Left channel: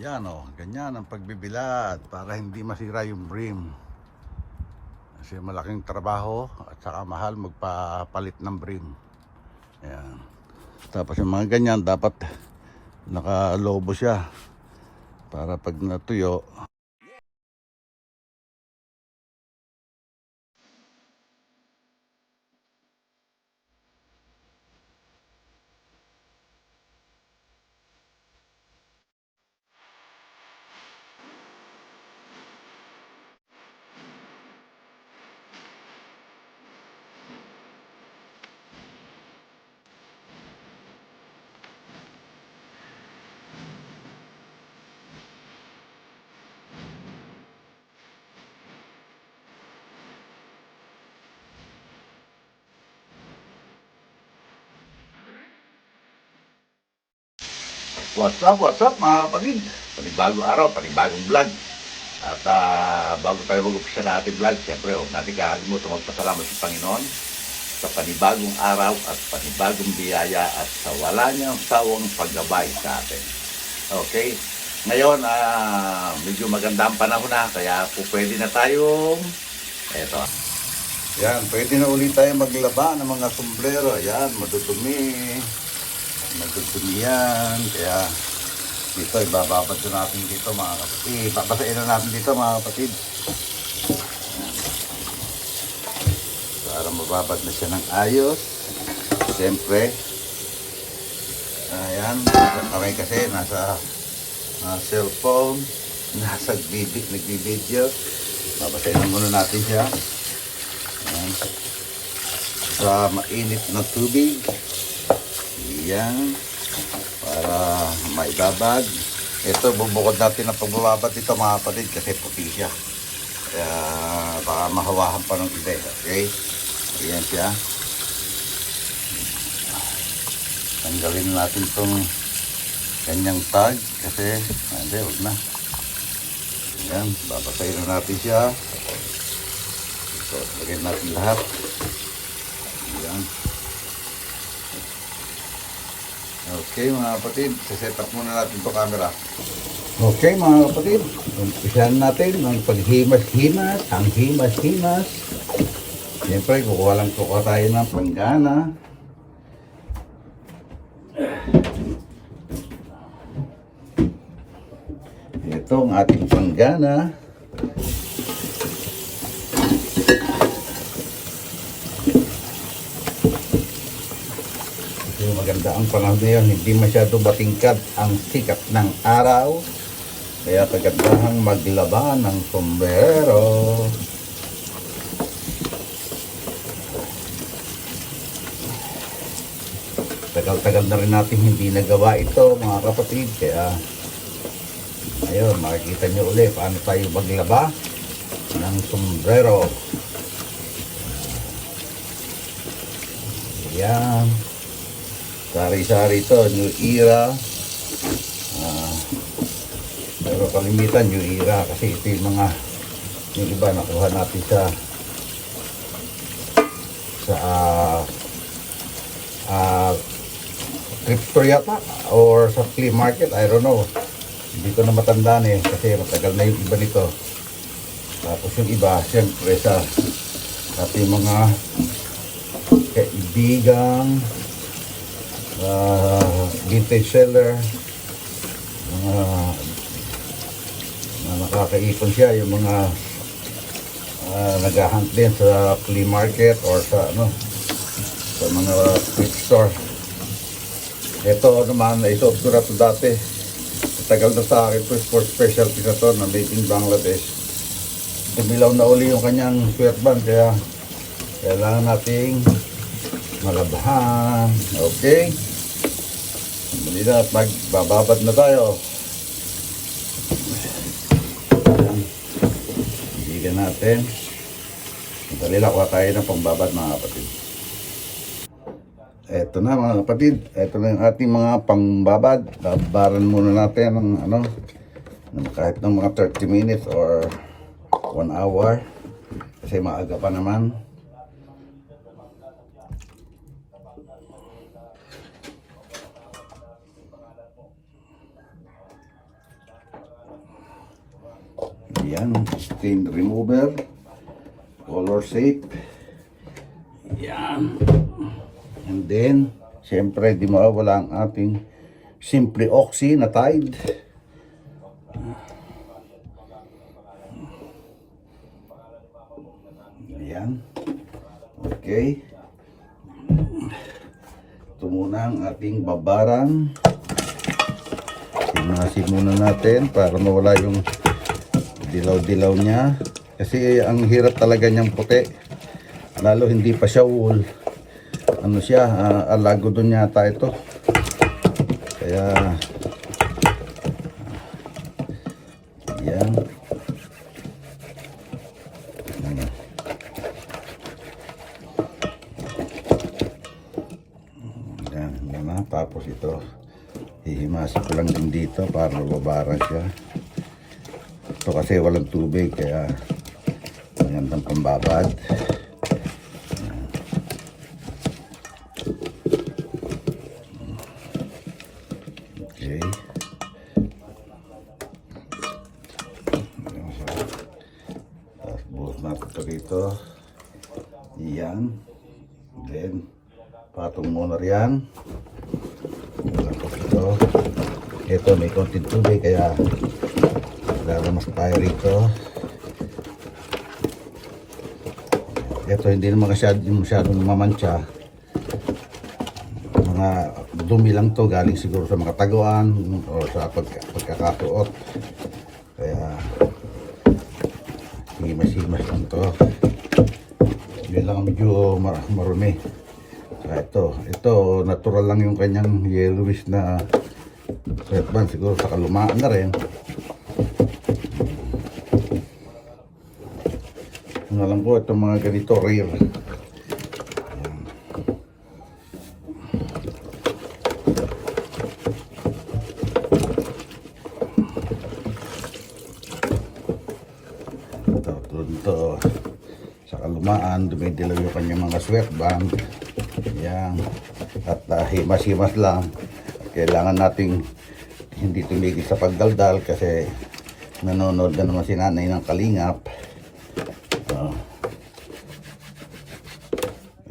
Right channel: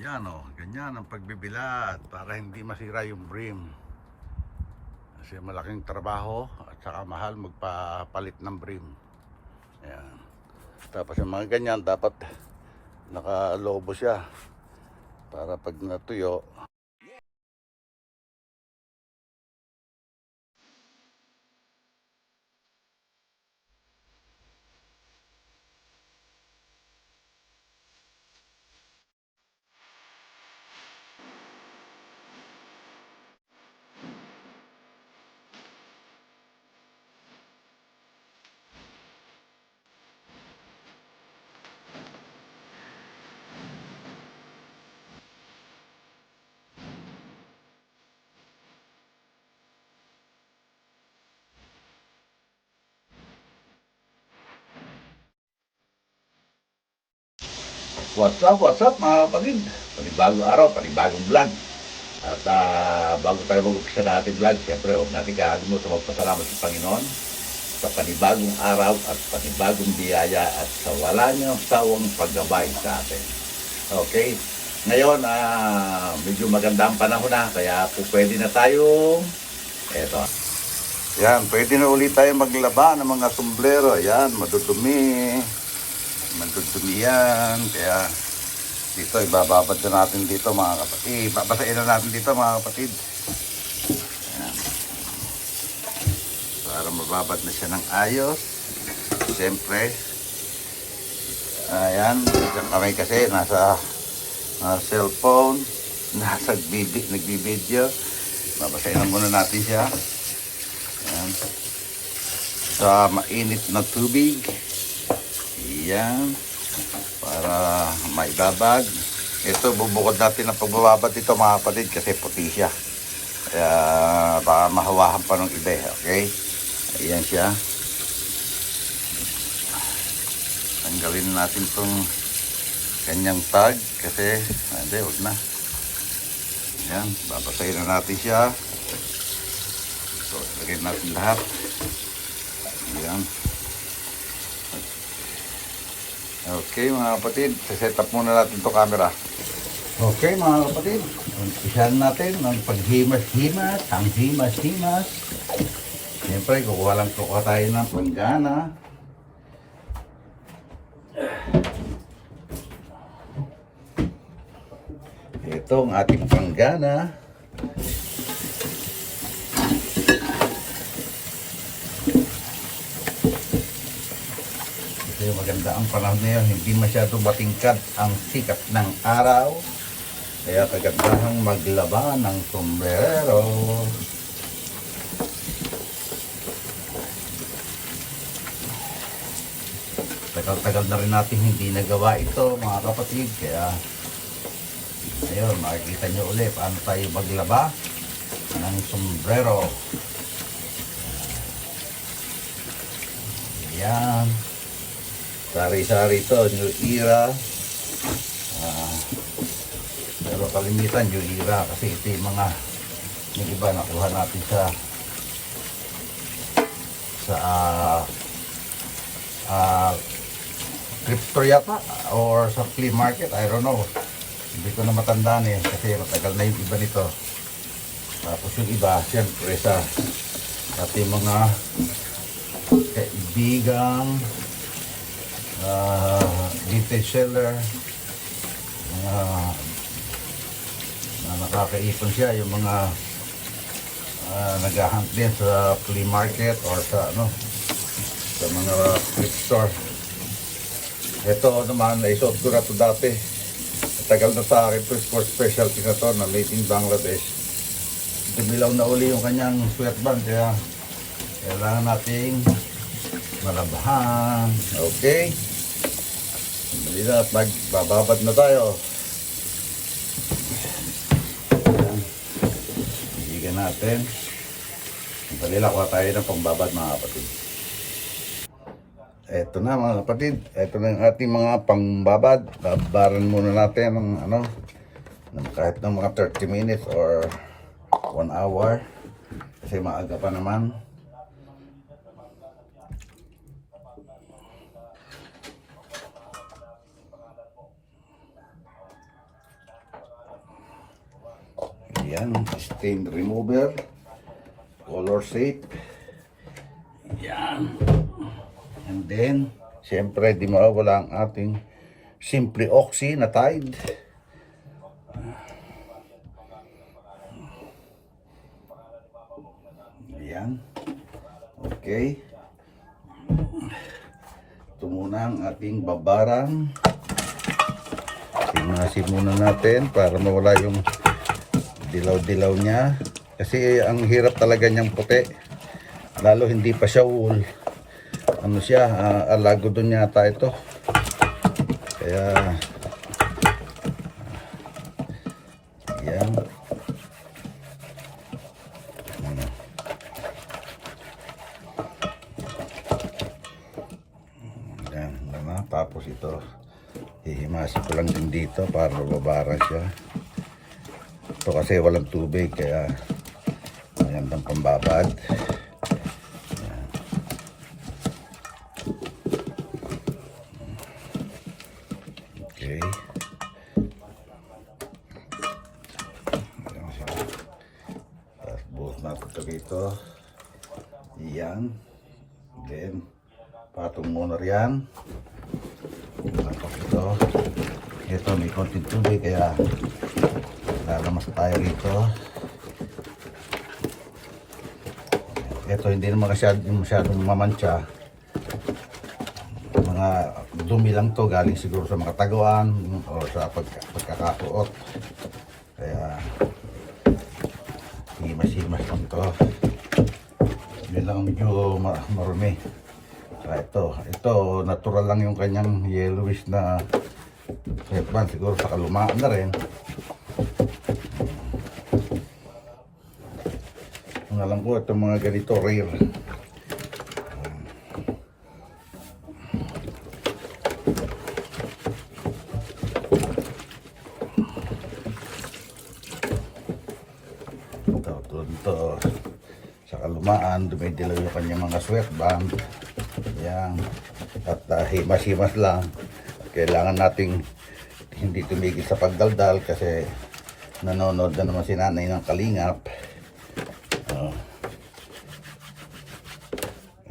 Ayan o, ganyan ang pagbibilad para hindi masira yung brim. Kasi malaking trabaho at saka mahal magpapalit ng brim. Ayan. Tapos yung mga ganyan dapat nakalobo siya para pag natuyo. What's up mga kapatid? Panibagong araw, panibagong vlog. At bago tayo mag-upisa na ating vlog, siyempre huwag natin kakalimutan magpasalamat sa Panginoon sa panibagong araw at panibagong biyaya at sa wala niyang sawang paggabay sa atin. Okay? Ngayon, medyo maganda ang panahon na, kaya po pwede na tayong eto. Yan, pwede na ulit tayo maglaba ng mga sombrero. Yan, madudumi. Madudumi yan. Kaya dito, ibababad na natin dito mga kapatid. Babasain na natin dito mga kapatid. Yan. Para mababad na siya ng ayos. Siyempre, ayan, kami kasi nasa cellphone, nasa nagbibideo. Babasain na muna natin siya. Ayan. Sa mainit na tubig. Ayan. Para maibabad. Ito, bubukod natin ang pagbababad dito mga kapatid kasi puti siya. Kaya baka mahawahan pa ng iba. Okay? Ayan siya. Tanggalin natin itong kanyang tag kasi hindi, huwag na. Ayan, babasahin na natin siya. So, lagyan natin lahat. Ayan. Okay mga kapatid, set up muna natin ito camera. Okay mga kapatid, umpisahan natin ng paghimas-himas, ang himas-himas. Siyempre, kukuha tayo ng panggana. Ito ang ating panggana. Kasi maganda ang panahon ngayon, hindi masyado batingkad ang sikat ng araw. Kaya kagandahan maglaba ng sombrero. Tagal-tagal na rin natin hindi nagawa ito mga kapatid. Kaya ayun, makikita nyo ulit paano tayo maglaba ng sombrero. Ayan. Sari-sari ito, New Era. Pero kalimitan New Era kasi ito yung mga yung iba nakuha natin sa thrift store yata or sa flea market, I don't know. Hindi ko na matandaan kasi matagal na yung iba nito. Tapos yung iba siyempre sa ating mga kaibigan, vintage seller, nakakaipon siya, yung mga nag-hunt din sa flea market or sa sa mga thrift store. Ito naman, naisuot ko na ito dati. Tagal na sa akin ito, sport specialty na ito na made in Bangladesh. Tumilaw na uli yung kanyang sweatband, kaya kailangan nating malabhan. Okay, muli na at magbababad na tayo. Ibigan natin. Dali lang, kuha tayo ng pangbabad mga kapatid. Eto na mga kapatid, eto na yung ating mga pangbabad. Babaran muna natin ng kahit ng mga 30 minutes or 1 hour kasi maaga pa naman. Yan, stain remover, color safe. Yan. And then, siyempre, di mawawala ang ating Simply Oxy na Tide. Ayan. Okay. Ito muna ang ating babarang. Simasin muna natin para mawala yung dilaw-dilaw niya. Kasi ang hirap talaga niyang puti. Lalo hindi pa siya wool. Ano siya, alago dun yata ito. Kaya, yan. Yan, naman. Tapos ito, hihimasok ko lang din dito para babaran siya. Ito kasi walang tubig, kaya magandang pambabad. Okay. Tapos buhos natin ito dito. Yan. Then, patong muna riyan. Tapos ito. Ito may konting tubig, kaya lalamas tayo rito. Ito hindi naman masyadong mamantsa. Mga dumi lang to, galing siguro sa mga taguan o sa pagkakasuot. Kaya himas-himas lang to. Yun lang medyo marumi. Ito natural lang yung kanyang yellowish na sweatband, siguro sa kalumaan na rin. Alam ko itong mga ganito rare. Ito sa kalumaan, dumidilaw yung kanyang mga sweatband. Yan. At himas-himas lang. Kailangan nating hindi tumigil sa pagdaldal kasi nanonood na naman si nanay ng Kalingap.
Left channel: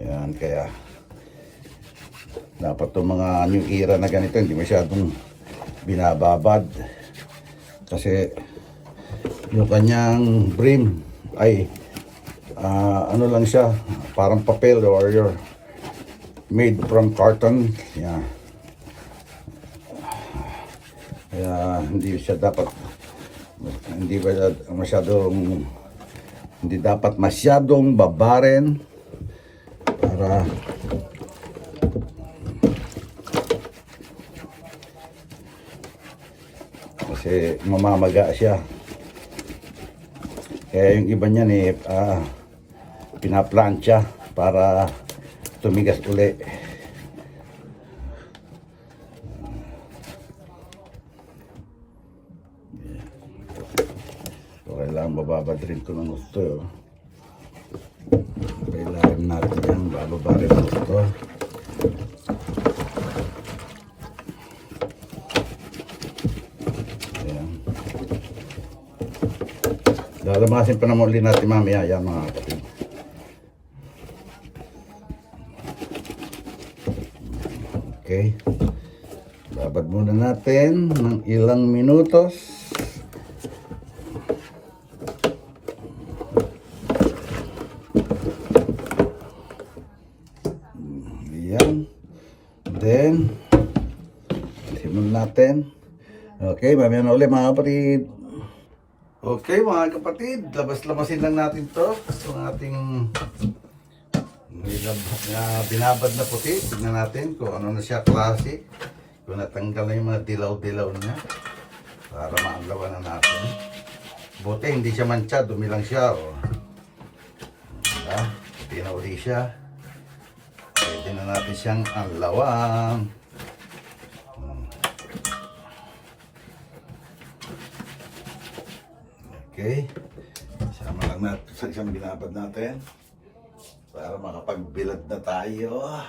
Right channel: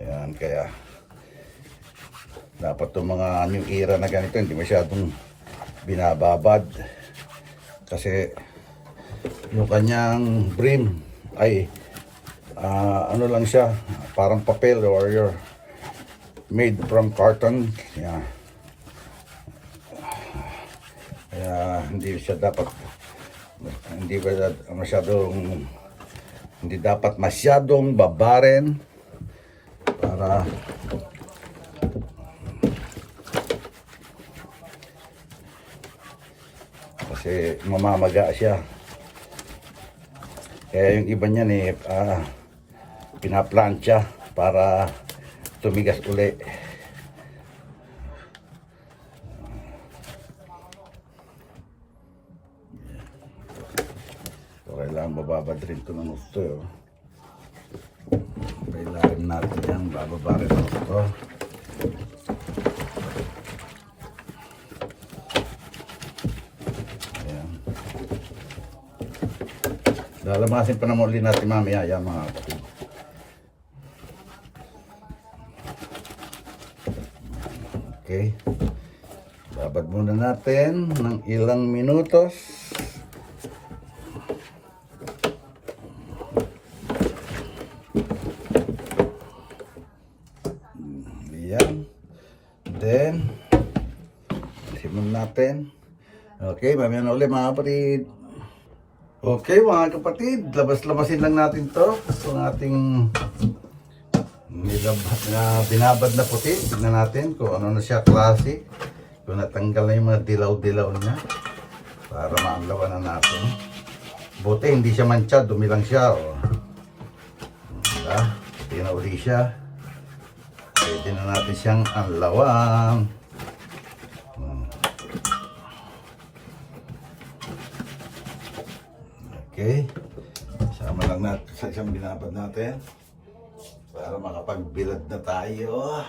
Yan, kaya dapat itong mga new era na ganito hindi masyadong binababad kasi yung kanyang brim ay ano lang siya, parang papel or made from carton. Yan. Kaya hindi siya dapat hindi dapat masyadong babarin para kasi mamamaga siya. Kaya yung iba niyan pinaplansya para tumigas uli. Kailangan bababad rin ito ng gusto. Kailangan natin yan, bababa rin ng gusto. Ayan. Lalamasin pa naman ulit natin mamaya yan mga kapatid. Okay. Babad muna natin ng ilang minutos. Then, simulan natin. Okay, mamaya na ulit mga kapatid. Okay mga kapatid, labas-labasin lang natin to. Itong ating binabad na puti. Tignan natin kung ano na siya, klase. Kung natanggal na yung mga dilaw-dilaw niya. Para maanlawan na natin. Buti hindi siya mantsa, dumi lang siya. Diba? Pinauli siya. Pwede na natin siyang anlawan. Okay. Sama lang natin sa isang binabad natin. Para makapagbilad na tayo.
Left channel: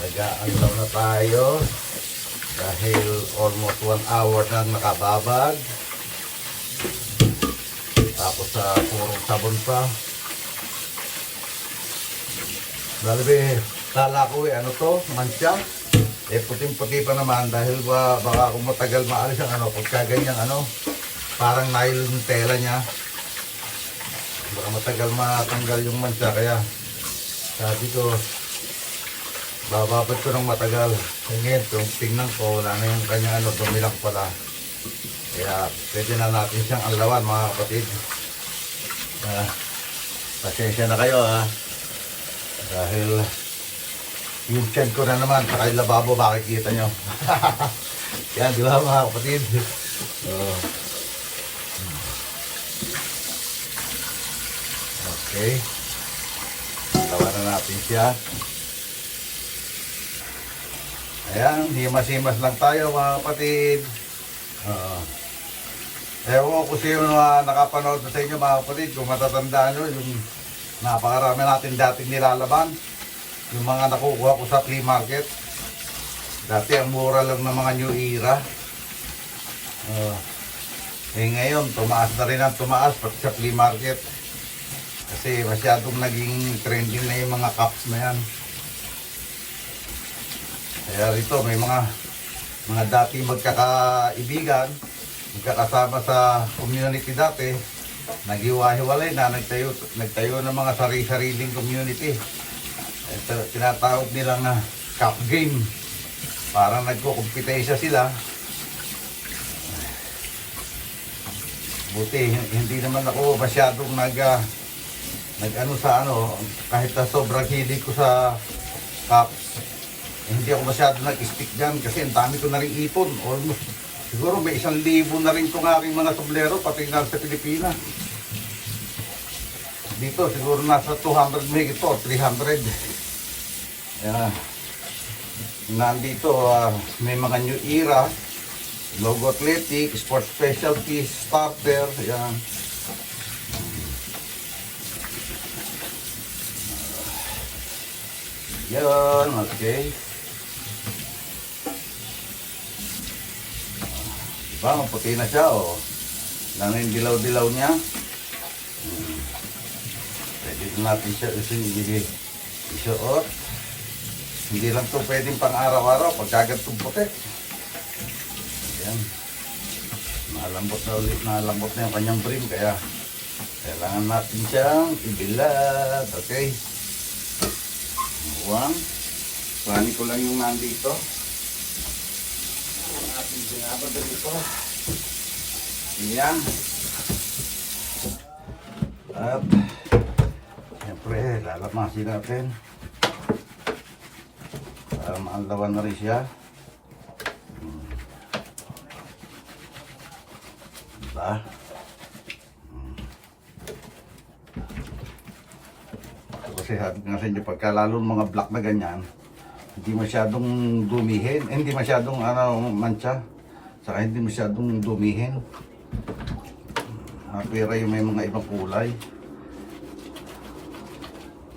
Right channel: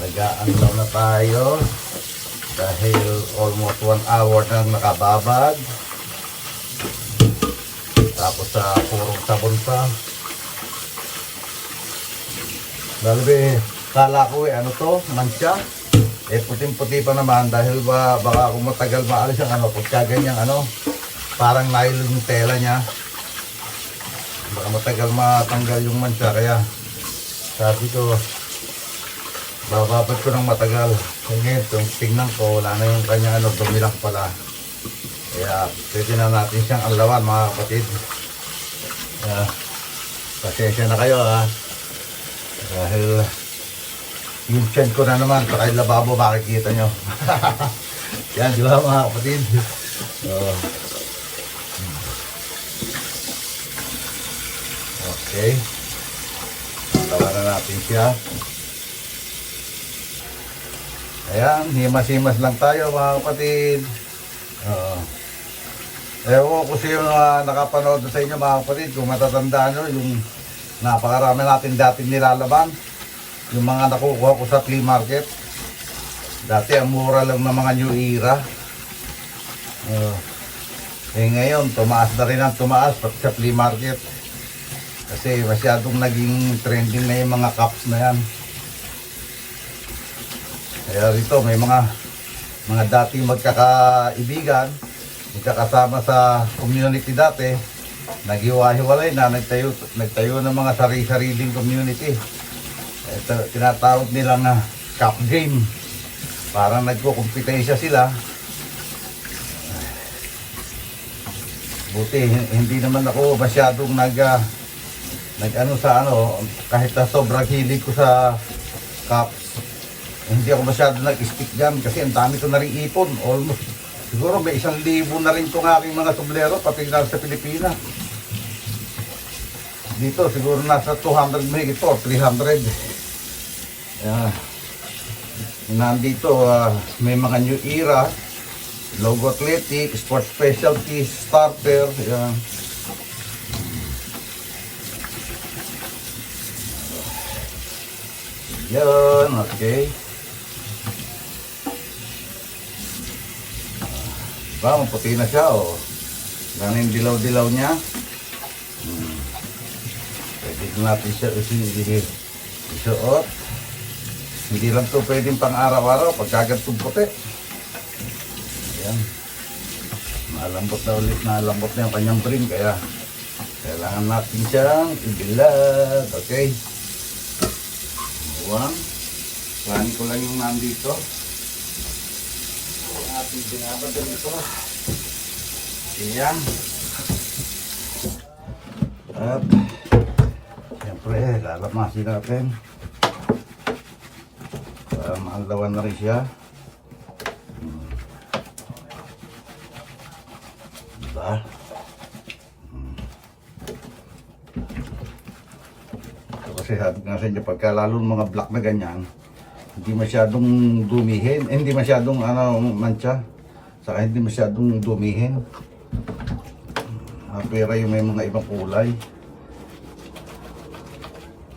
Nagaan lang na tayo. Dahil almost 1 hour nang nakababad. Tapos sa purong sabon pa. Dalabi, kala ko ano to, mancha. Puting-puti pa naman dahil baka kung matagal maalis ang pagka ganyang parang nylon yung tela niya. Baka matagal matanggal yung mancha, kaya sabi ko, bababad ko ng matagal. Ngayon, kung tingnan ko, wala na yung kanya dumilang pala. Kaya pwede na natin siyang alawan, mga kapatid. Pasensya na kayo dahil yung tiyan ko na naman, saka yung lababo, makikita nyo. Yan, di ba mga kapatid? Okay. Tawa na natin siya. Ayan, himas-himas lang tayo mga kapatid. Ewan ko sino na nakapanood sa inyo mga kapatid, kung matatandaan nyo yung napakarami natin dating nilalaban. Yung mga nakukuha ko sa flea market. Dati ang mura lang ng mga new era. Ngayon, tumaas na rin ang tumaas pati sa flea market. Kasi masyadong naging trending na yung mga cups na yan. Kaya rito may mga dating magkakaibigan, magkakasama sa community dati, naghiwa-hiwalay na, nagtayo ng mga sari-sariling community. Ito, tinatawag nila na cup game. Parang nagko-competensya sila. Buti, hindi naman ako masyadong kahit na sobrang hilig ko sa cups, hindi ako masyadong nag-stick dyan kasi ang dami ko na rin ipon. Almost, siguro may 1,000 na rin itong aking mga sublero, pati nga sa Pilipinas. Dito siguro nasa 200 mahigit ito, 300. Yeah. Nandito may mga new era, logo athletic, sports specialty, starter. Yan. Yan, okay. Diba, maputi na siya, lang yung dilaw-dilaw niya. Pwede natin siya isuot. Hindi lang ito pwedeng pang araw-araw, pagkagantong puti. Ayan. Malambot na yung kanyang brim, kaya kailangan natin siyang ibilad. Okay. Buwang. Planin ko lang yung nandito. Ating binabad na ito. Ayan. At siyempre, lalamasin natin. Para maalawan na rin siya. Diba? Kasi sabi nga sa inyo, pagka lalo mga black na ganyan, hindi masyadong dumihin, hindi masyadong mancha, saka hindi masyadong dumihin. Pera yung may mga ibang kulay.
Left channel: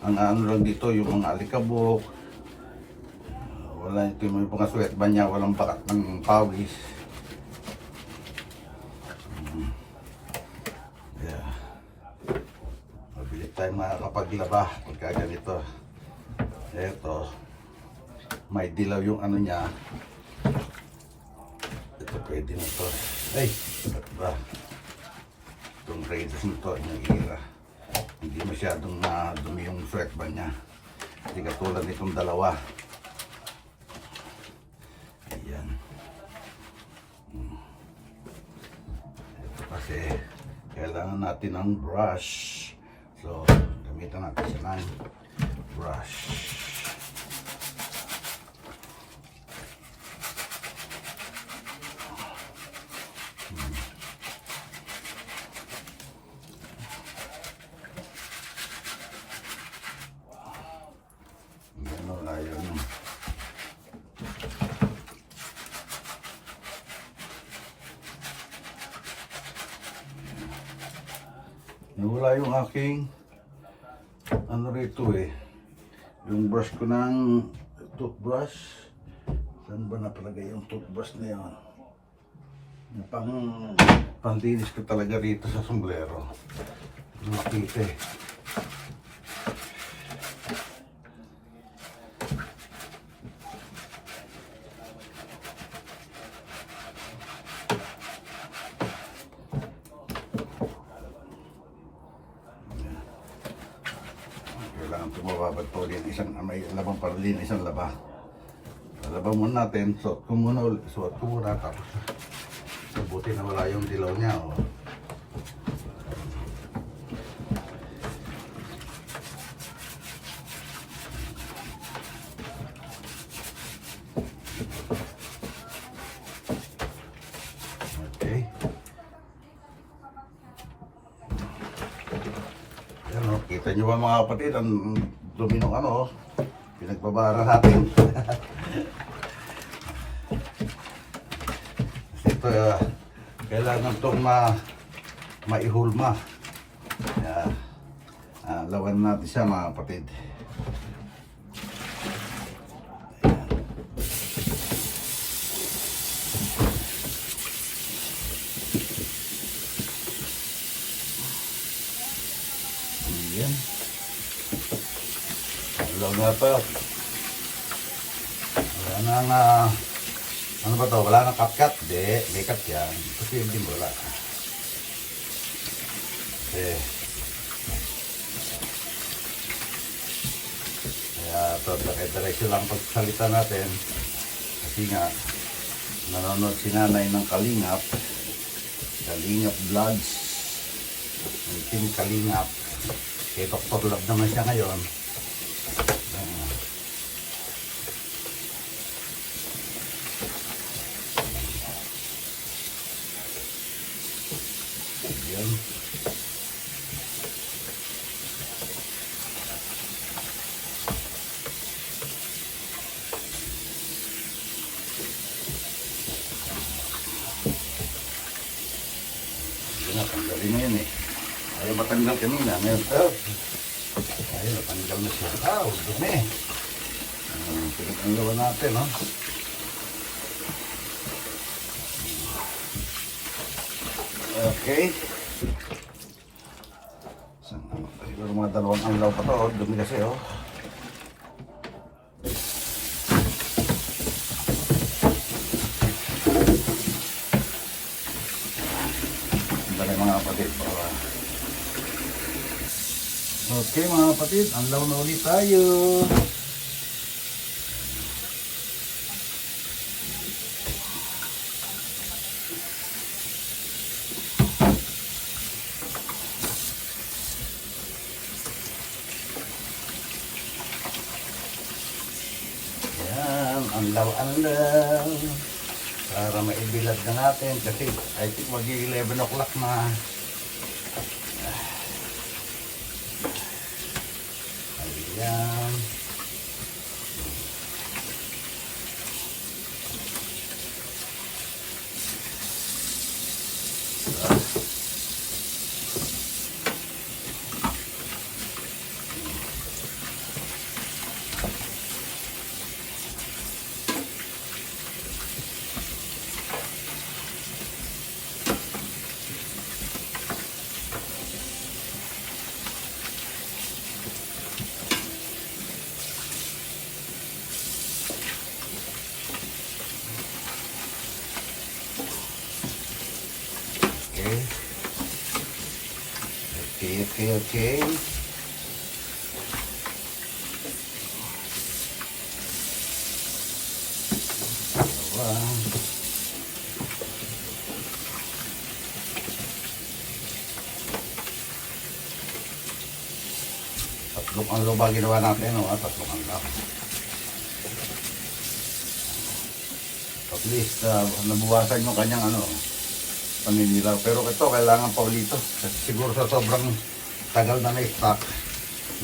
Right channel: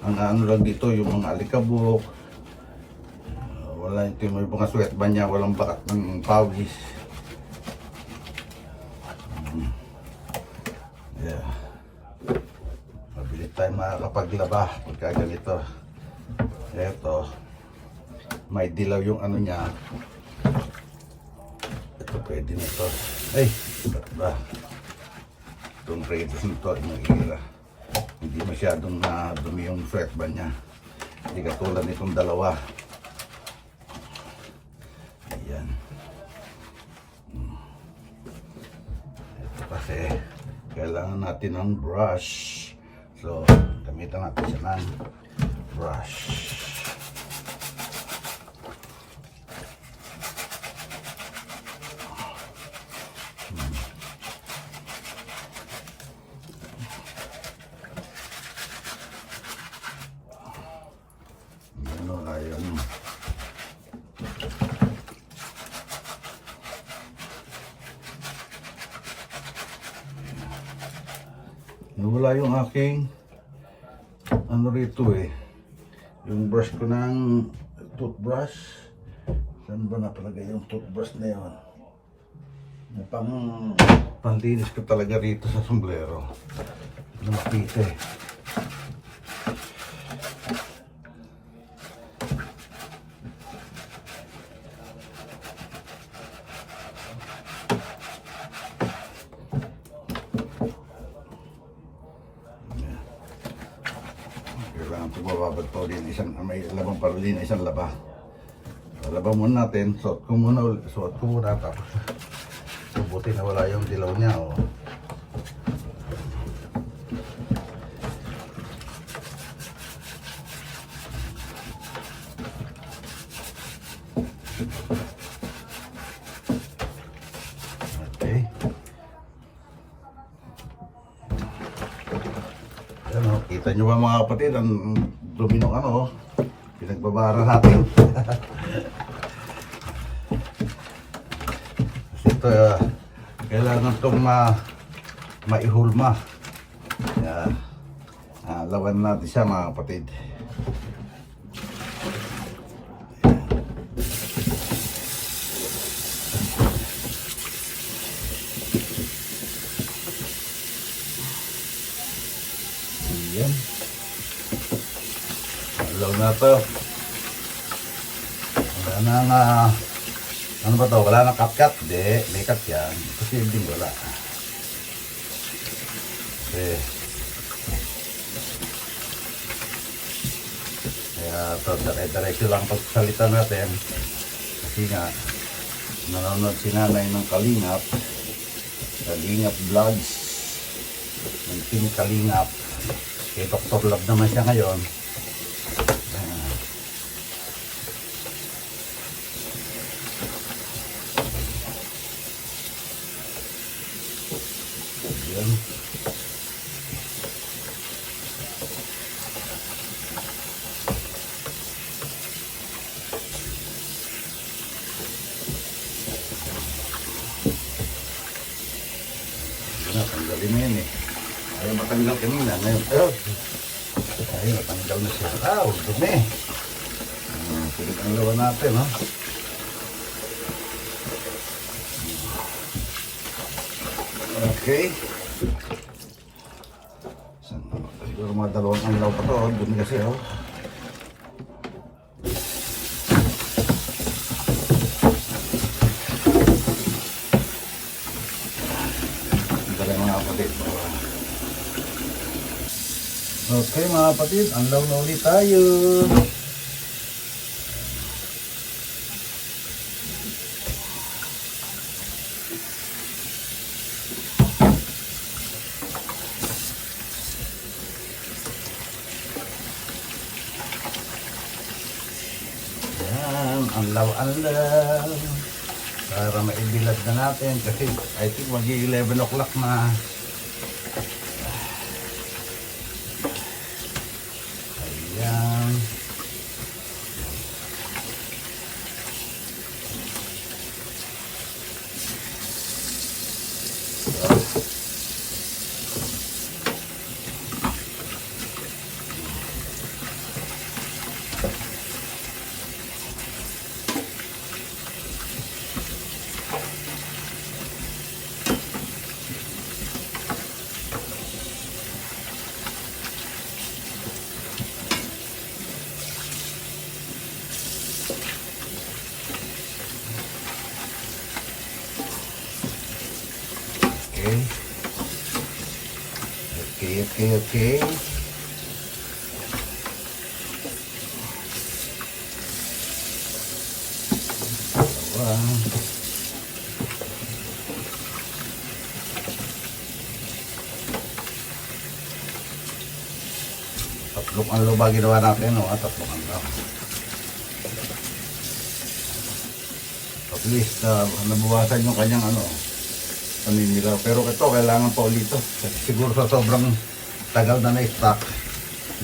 Ang lang dito, yung mga alikabok, wala yung mga sweatband niya, walang bakat ng pawis. Yeah. Mabilis tayo makakapaglaba pagka ganito. Eto, may dilaw yung niya. Ito pwede na ito. Ay, ba? Itong radius nito, yung ira. Hindi masyadong dumi yung sweatband niya. Hindi katulad nitong dalawa. Ayan. Ito kasi kailangan natin ng brush. So, gamitan natin siya ng brush. Nawala yung aking rito yung brush ko ng toothbrush. Saan Saan ba napalagay yung toothbrush na yun? Na pandinis ko talaga rito sa sombrero. Na makita eh. Kailangan tumababad pa ulit may labang pa ulit na isang laba. Laba muna natin, suot ko muna tapos buti na wala yung dilaw niya oh. Okay. Yan oh, kita nyo ba mga kapatid ang dumi ng ano pinagbabara natin. Ito kailangan itong maihulma. Lawan natin siya mga kapatid. Ayan. Alaw na ito. Wala na ano ba to? Wala nang cut-cut? Hindi, may cut yan. Kasi hindi wala. Okay. Kaya ito, dire-diretso lang pagsalita natin. Kasi nga, nanonood si nanay ng Kalingap. Kalingap Vlogs. Yung team Kalingap. Kay Dr. Love naman siya ngayon. Ayan. Tanggalin na yan eh. Ayaw matanggal kanina. Ayaw matanggal na siya. Dumi. Pinaganggawa natin, no? Okay. Siguro mga 2 anlaw pa to. Dumi kasi, oh. Okay mga kapatid, anlaw na ulit tayo. Yan, anlaw. Para maibilad na natin kasi I think mag-11 o'clock na. Ayan. Okay. Tatlong anlo ba ginawa natin, no? Tatlong anlo. At least, nabuwasan yung kanyang pamimilaw. Pero ito, kailangan pa ulit ito. Kasi siguro sa sobrang tagal na na-stock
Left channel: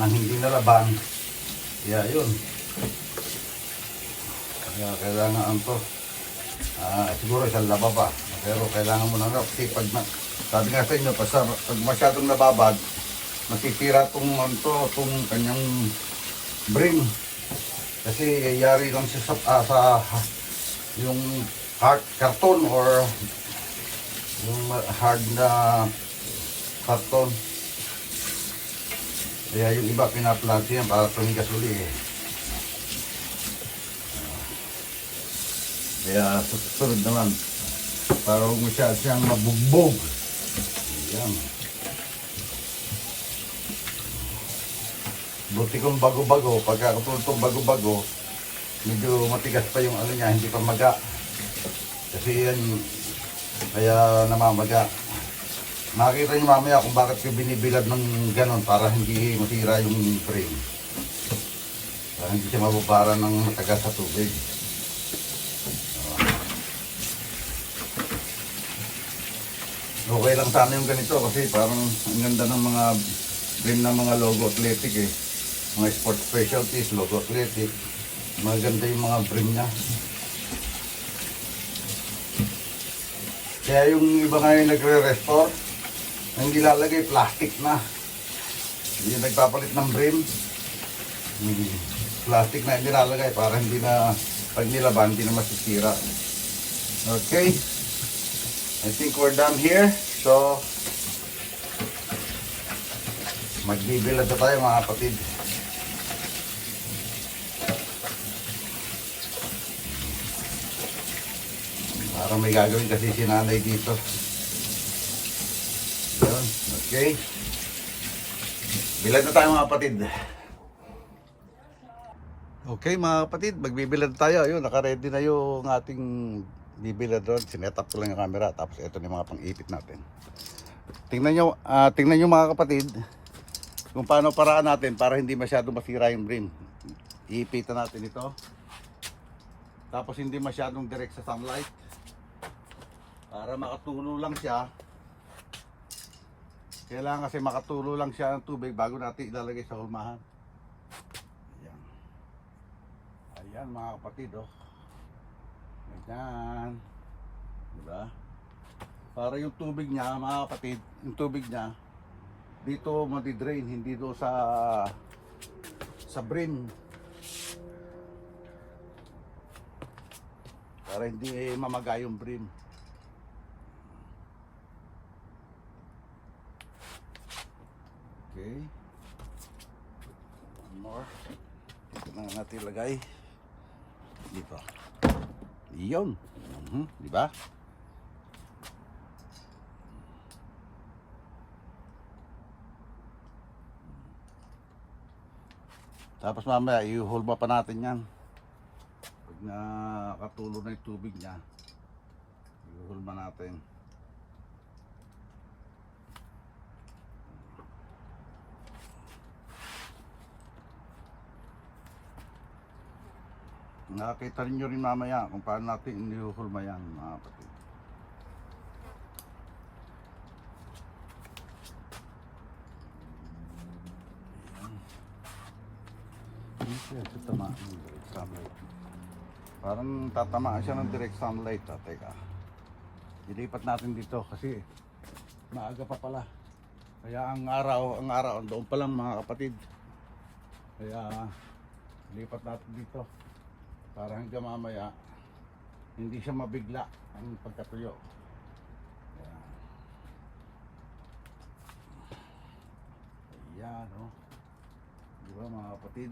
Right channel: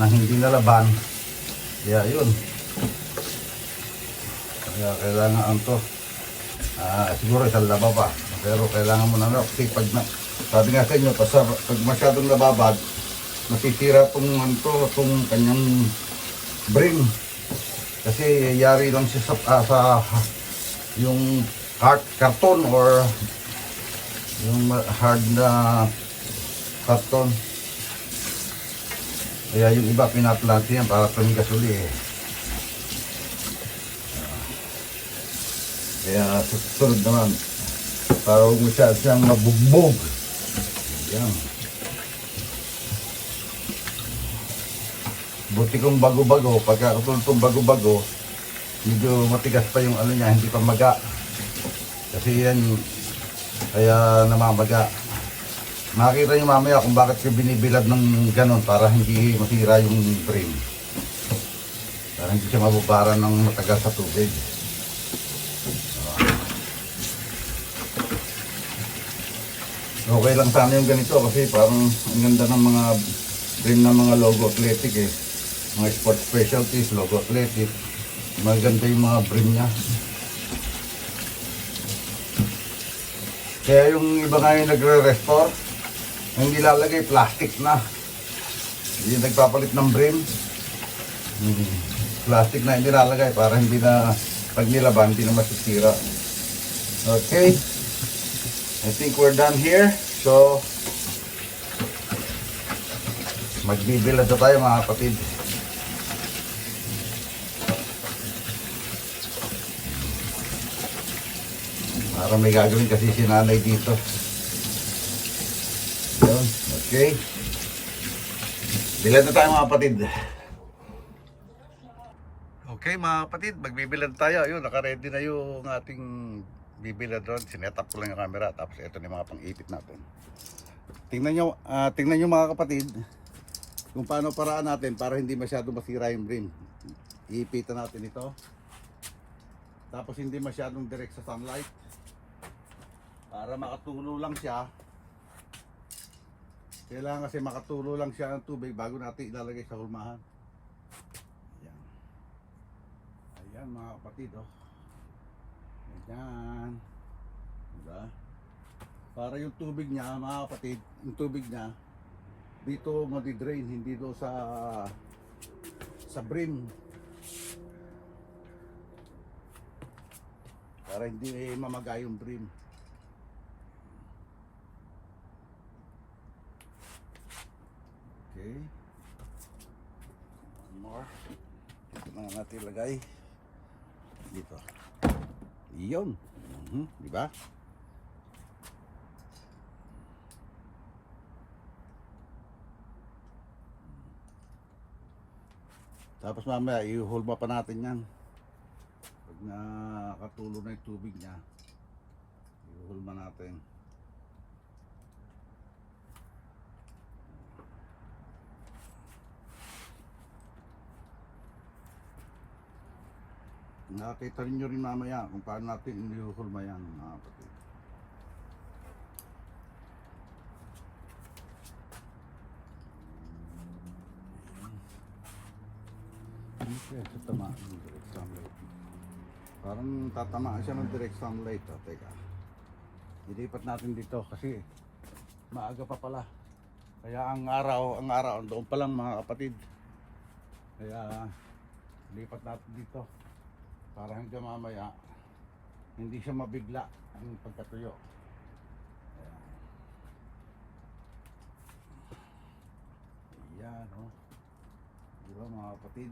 nang hindi nalaban. Kaya yun. Kaya kailangan ito. Siguro isang laba pa. Pero kailangan mo na kasi pag sabi nga sa inyo, pag masyadong nababad, nasisira itong kanyang bring. Kasi yari lang siya sa yung carton or yung hard na karton. Kaya yung iba pinaplant yan para panggas uli eh. Kaya susunod naman para huwag masyad siyang mabugbog. Ayan. Buti kong bago-bago, pagka itong bago-bago, medyo matigas pa yung ano niya, hindi pa maga. Kasi yan, kaya namamaga. Makikita nyo mamaya kung bakit yung binibilad ng ganon para hindi masira yung frame. Para hindi siya mabubara ng matagal sa tubig. Okay lang sana yung ganito kasi parang ang ganda ng mga frame ng mga Logo Athletic eh. Mga sport specialties, Logo Athletic. Maganda yung mga frame niya. Kaya yung iba nga yung nagre-restore, ang nilalagay plastic na. Yung nagpapalit ng brim, plastic na yung nilalagay para hindi na pag nilaban, hindi na masisira. Okay. I think we're done here. So, magbibilad na tayo mga kapatid. Para may gagawin kasi si nanay dito. Yun, okay. Bilad na tayo mga kapatid. Okay mga kapatid, magbibilad tayo. Ayun, naka-ready na yung ating bibilad doon. Sinet up ko lang yung camera. Tapos ito na yung mga pang-ipit natin. Tingnan nyo mga kapatid kung paano paraan natin para hindi masyado masira yung brim. Iipitan natin ito. Tapos hindi masyadong direct sa sunlight. Para makatulo lang siya. Kailangan kasi makatulo lang siya ng tubig bago natin ilalagay sa hulmahan. Ayan. Ayan mga kapatid oh. Ayan. Diba? Para yung tubig niya mga kapatid, yung tubig niya dito madidrain, hindi do sa brim. Para hindi mamaga yung brim. Okay. One more. Ito na natin ilagay. Dito. Iyon. Di ba? Tapos mamaya i-hulma pa natin yan. Pag nakatulo na yung tubig niya, i-hulma natin. Nakakita rin nyo rin mamaya kung paano natin inihuhulma yan mga kapatid. Hindi siya tatamaan ng direct sunlight. Parang tatamaan siya ng direct sunlight. Teka, ilipat natin dito kasi maaga pa pala. Kaya ang araw doon pa lang mga kapatid. Kaya lipat natin dito. Para hanggang mamaya hindi siya mabigla ang pagkatuyo. Ayan. Ayan oh. Di ba mga kapatid?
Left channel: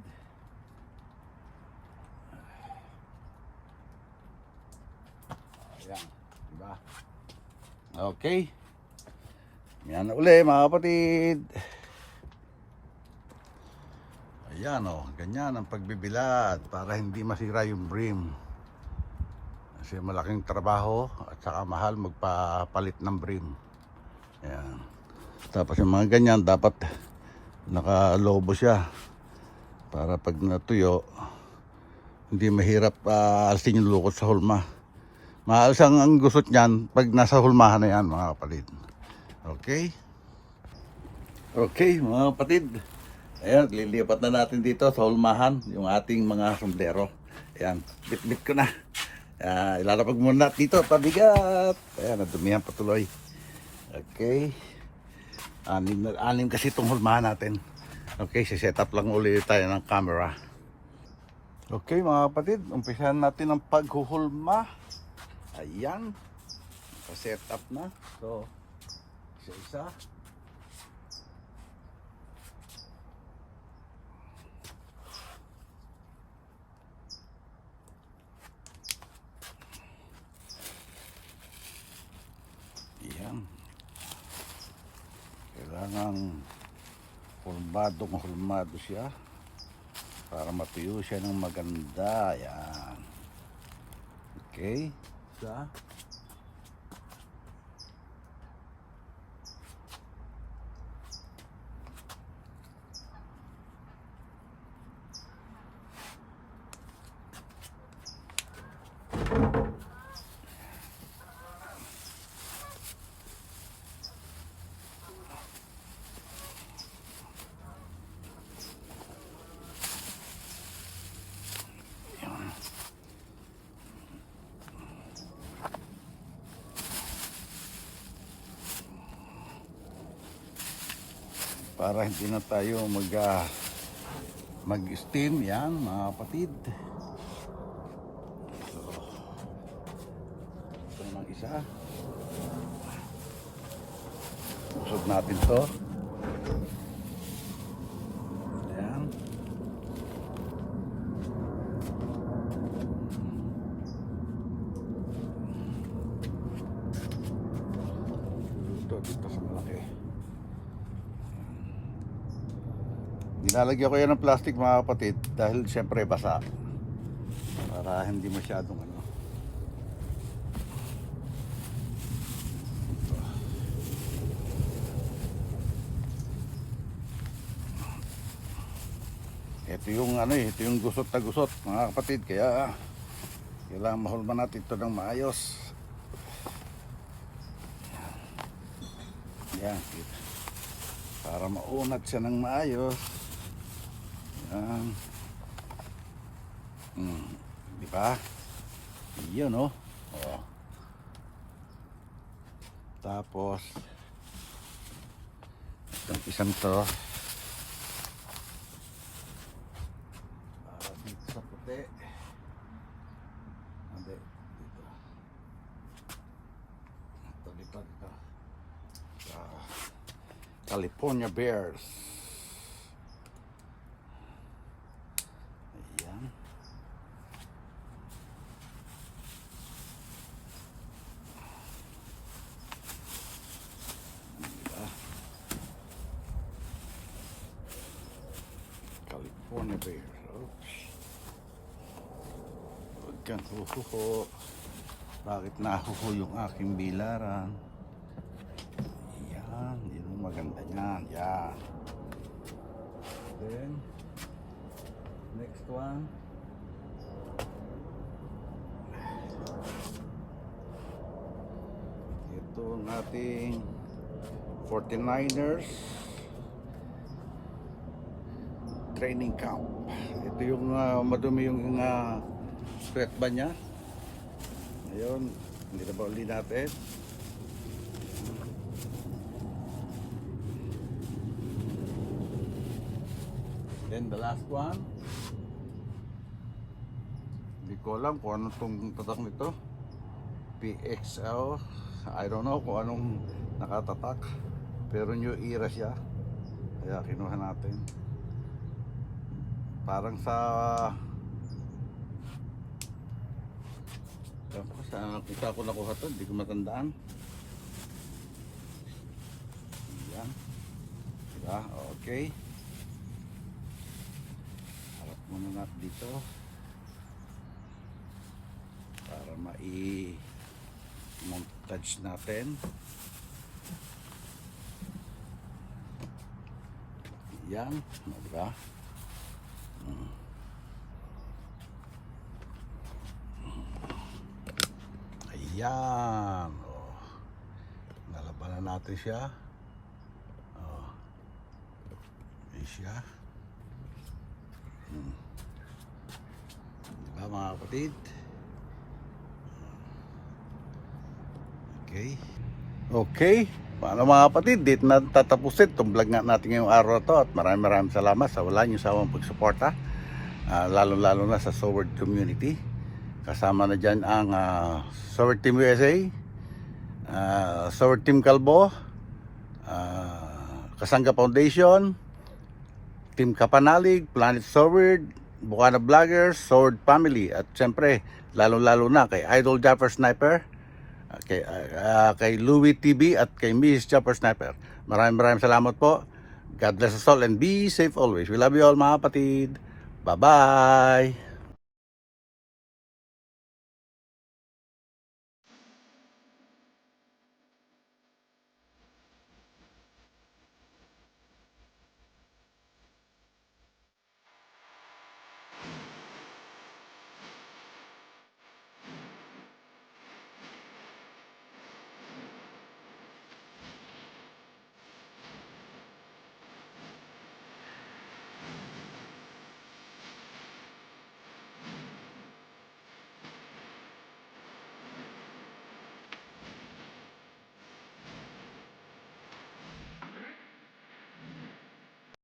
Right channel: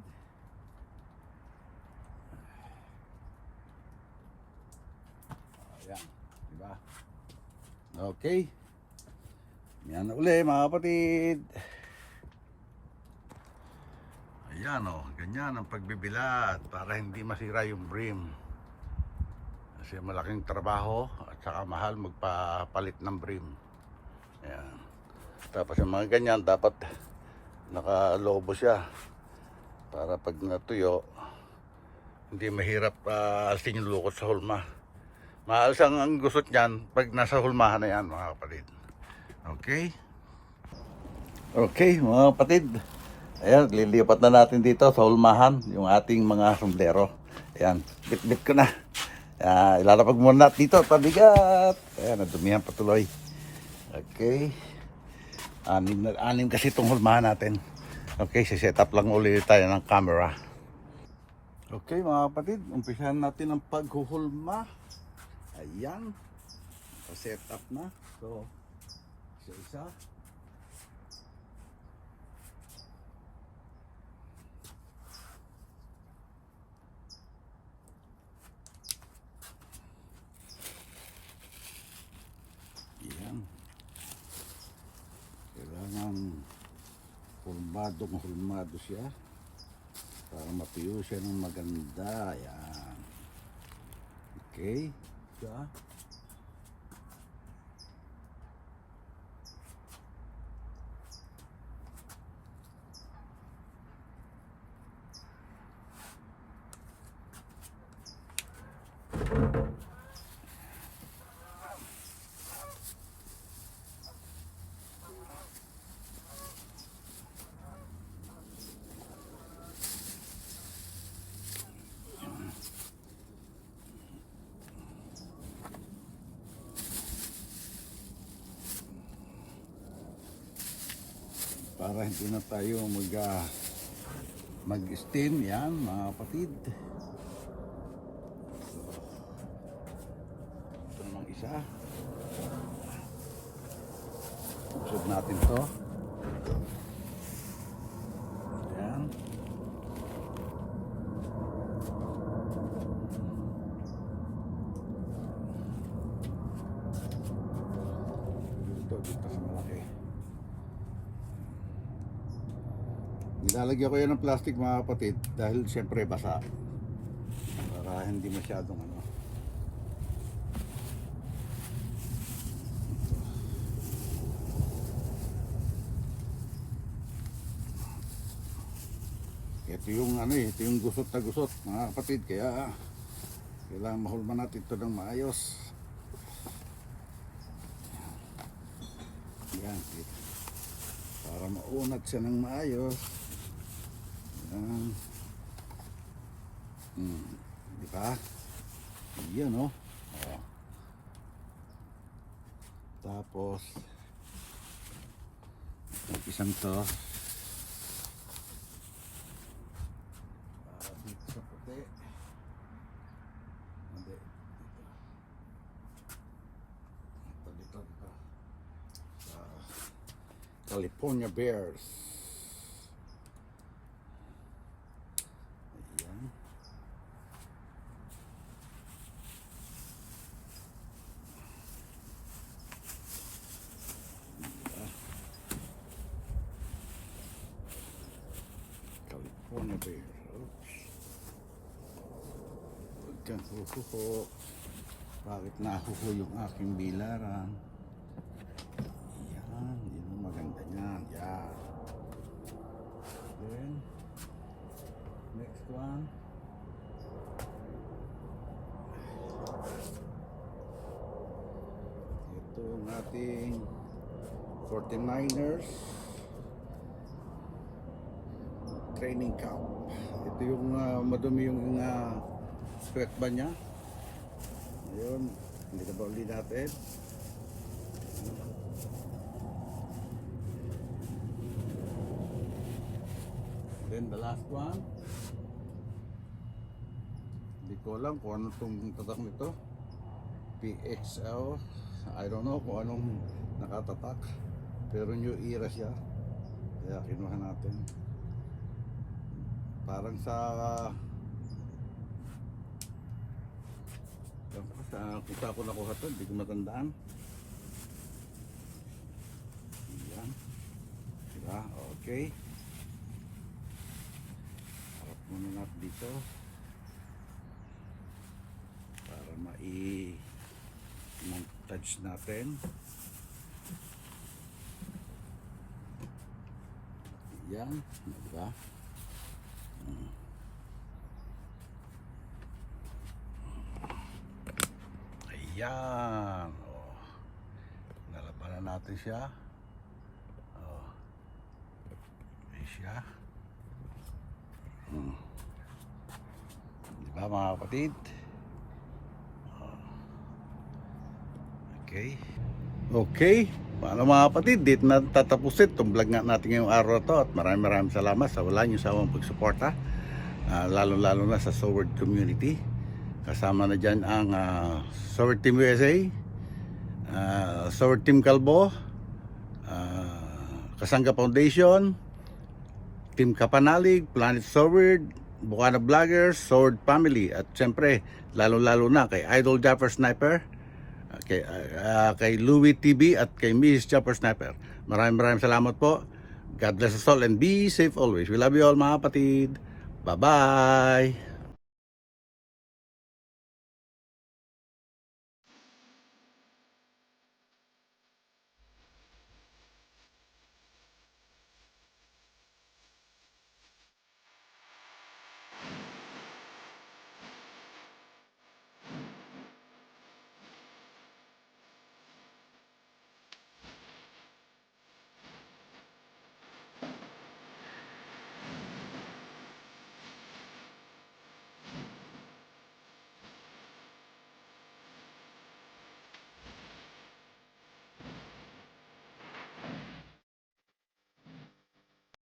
Ayan. Di ba? Okay. Yan na uli mga kapatid. Ayan o, ganyan ang pagbibilad para hindi masira yung brim. Kasi malaking trabaho at saka mahal magpapalit ng brim. Ayan. Tapos yung mga ganyan dapat nakalobo siya para pag natuyo hindi mahirap alisin yung lukot sa hulma. Maalas ang gusot niyan pag nasa hulmahan na yan mga kapatid. Okay? Okay mga kapatid. Ayan, lilipat na natin dito sa hulmahan yung ating mga sombrero. Ayan, bit-bit ko na. Ilalapag muna dito, pabigat. Ayan, nadumihan patuloy. Okay. Anim kasi itong hulmahan natin. Okay, set up lang ulit tayo ng camera. Okay mga kapatid, umpisahan natin ang paghuhulma. Ayan, set up na. So, isa-isa. Ayan. Kailangan hulmado siya para matuyo siya ng maganda. Ayan. Okay. Siya. Para hindi na tayo mag-steam. Yan mga kapatid. So, ito namang isa. Usod natin to. Yan. Ito dito sa malaki. Nilalagyan ko yan ng plastic mga kapatid dahil siyempre basa para hindi masyadong ano. Ito yung ano ito yung gusot na gusot mga kapatid, kaya kailangan mahulma natin ito ng maayos. Yan, para maunat siya ng maayos. Di ba? Yun, oh. Oh. Tapos itong isang to dito sa puti. Hindi, dito. Dito. Sa California Bears. California Bear. Oops. Huwag kang huhuho. Bakit nahuho yung aking bilaran? Yan. Yun ang maganda niyan. Yan. Then, next one. Ito ang ating 49ers training camp. Ito yung madumi yung sweat ba niya. Ayun, hindi na ba uli natin. Then the last one, hindi ko alam kung ano itong tatak nito. PXL, I don't know kung anong nakatatak, pero new era siya, kaya kinuha natin. Parang sa kita ko nakuha to, hindi ko matandaan. Yan. Diba? Okay. Harap muna natin dito para montage natin. Yan. Diba? Ayan. Oh. Nalabanan natin siya. Oh. Ayan siya. Diba mga kapatid? Oh. Okay. Okay. Paano mga kapatid? Dito na tatapusin itong vlog natin ngayong araw to. At maraming salamat sa wala nyo sawang pagsuporta. lalo-lalo na sa Sword community. Kasama na dyan ang Sword Team USA, Sword Team Kalbo, Kasangga Foundation, Team Kapanalig, Planet Sword, Bukana Vloggers, Sword Family, at siyempre lalo-lalo na kay Idol Japper Sniper, kay Louie TV at kay Miss Japper Sniper. Maraming salamat po. God bless us all and be safe always. We love you all mga kapatid. Bye-bye!